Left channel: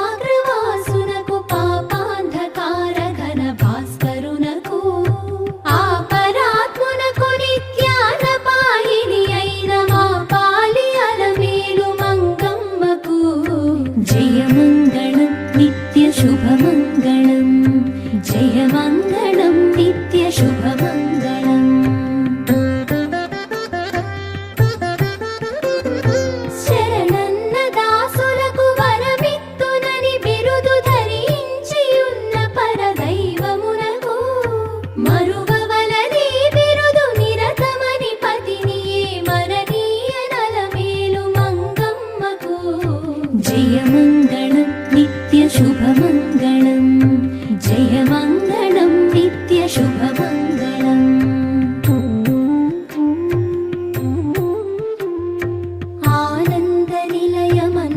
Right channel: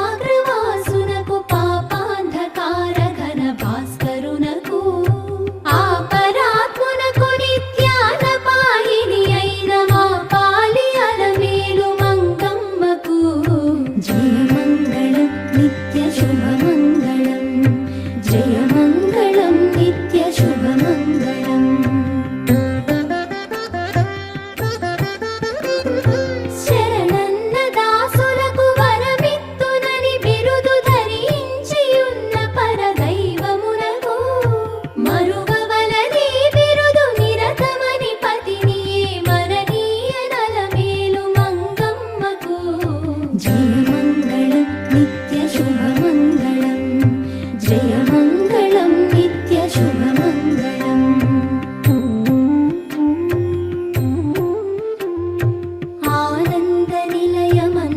శిఖరాగ్రవాసునకు పాపాంధకార ఘన భాస్కరునకు ఆపరాత్మునకు నిత్యాన పాయిని అయిన మా పాలి అలమేలు మంగమ్మకు జయమంగళం నిత్య శుభమంగళం జయమంగళం నిత్య శుభమంగళం. శరణన్న దాసులకు వరమిత్తునని బిరుదు ధరించియున్న పరదైవమునకు మరువవలది బిరుదు నిరతమని పతినియే మరణీయ నలమేలు మంగమ్మకు జయ